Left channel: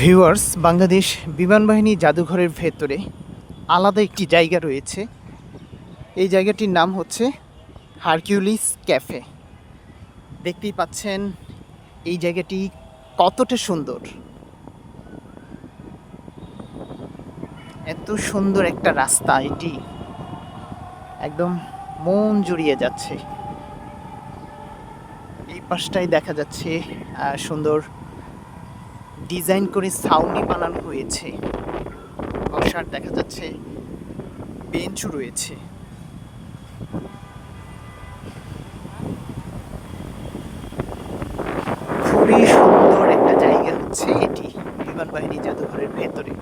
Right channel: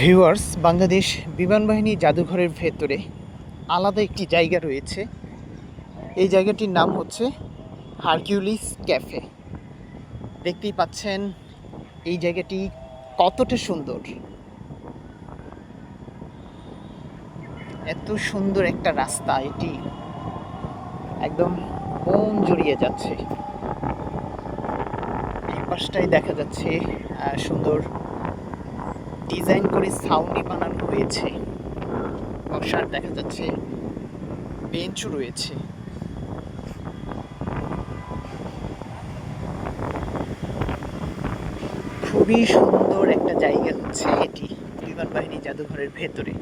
Viewers, Bangladesh বিমান বাহিনী জাদুঘরের ভেতরে আলাদা একটি জায়গা রয়েছে। এই জায়গাটির নাম হচ্ছে হারকিউলিস ক্যাফে। দেখতেই পাচ্ছেন এই জায়গাটি কতটা সুন্দর। এত সুন্দর একটা রাস্তা, এটি একদম মন জুড়িয়ে যাচ্ছে। এই পাশটাই দেখা যাচ্ছে সুন্দর ডিজাইন করে ছাউনি বানানো হয়েছে। বসার দেখা যাচ্ছে বেঞ্চও রয়েছে। খুবই সুন্দর একটা জায়গা হচ্ছে এটি, বিমান বাহিনী জাদুঘরের ভেতরে।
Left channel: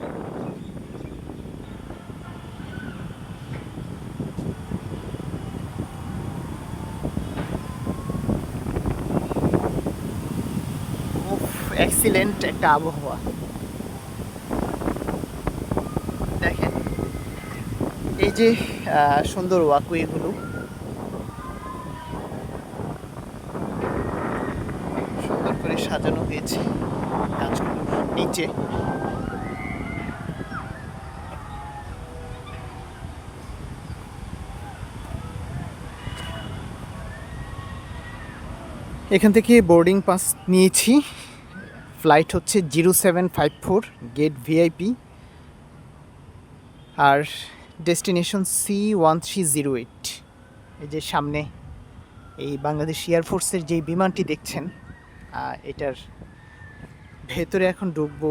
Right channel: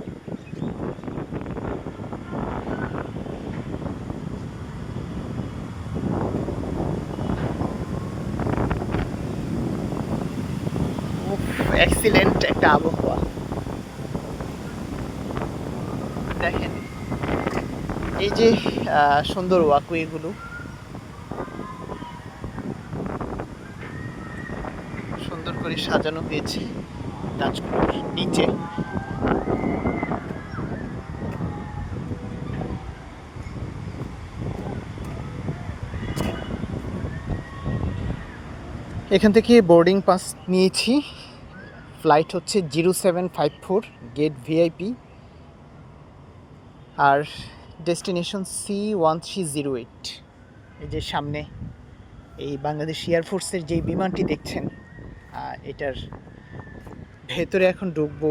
এক্সিলেন্ট একটা আবহাওয়া। দেখেন এই যে সুন্দর ওয়াকওয়েগুলো, সুন্দর করে সাজানো হয়েছে গাছগুলোর নিচে। এখান থেকে বোর্ডিং পাস নিয়েছি। ফ্লাইট হচ্ছে 0754, গেট ভিআইপি, আর ডেস্টিনেশন C1308। এই যে সামনে এই বাংলাদেশ এয়ারফোর্সের যেই বিমানটি দেখছেন, এটার ভেতরে এখন ঢুকবো।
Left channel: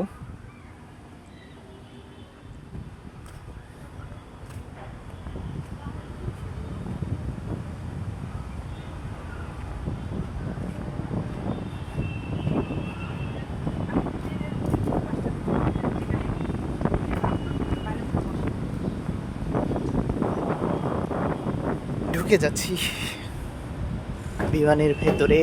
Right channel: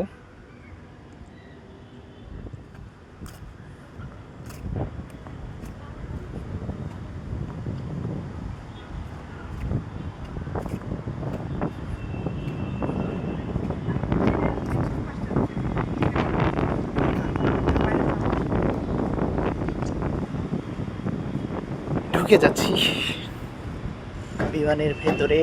ঢুকে যাচ্ছি বিমানের ভেতরে।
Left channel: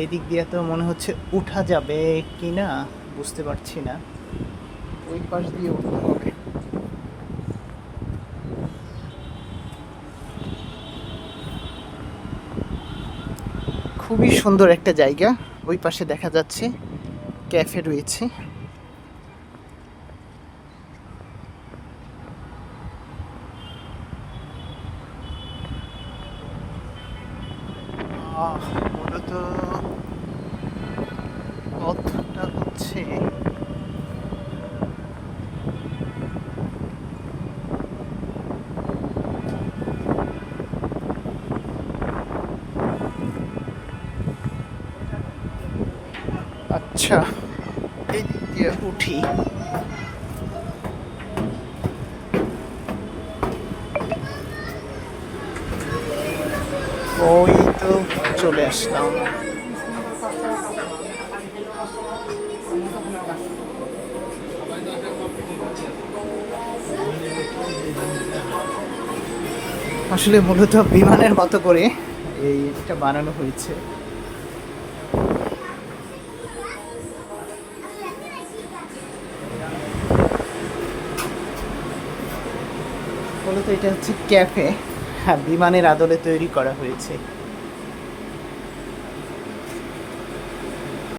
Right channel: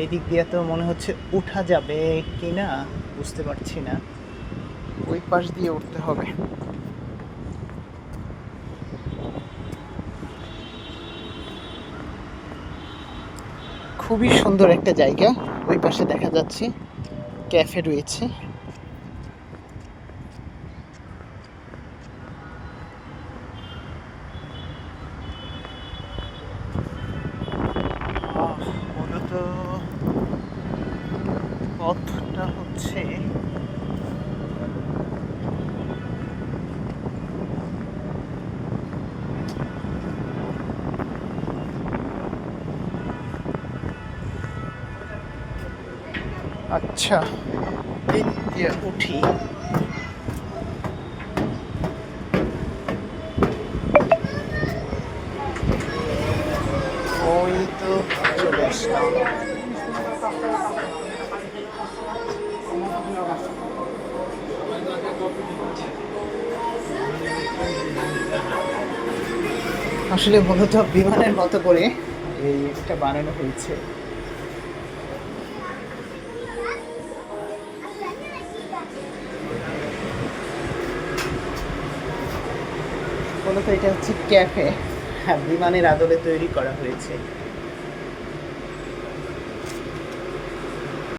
এই দিক দিয়ে তো মনে হচ্ছে উঠা যাবে কি না বুঝতে পারছি না, ওই পাশ দিয়ে উঠতে হবে। খুবই সুন্দর একটা জায়গা। ওই পাশে দেখা যাচ্ছে ক্যাফে রয়েছে। মূলত পথটা হচ্ছে আচ্ছা, এই দিক দিয়ে উঠি। ওই তো চলে আসলাম। আসলে মূলত বিমানের মতো করে এটা বানানো হয়েছে। মূলত এটা হচ্ছে ক্যাফে, হ্যাঁ, বিমানের আদলে তৈরি করা হয়েছে।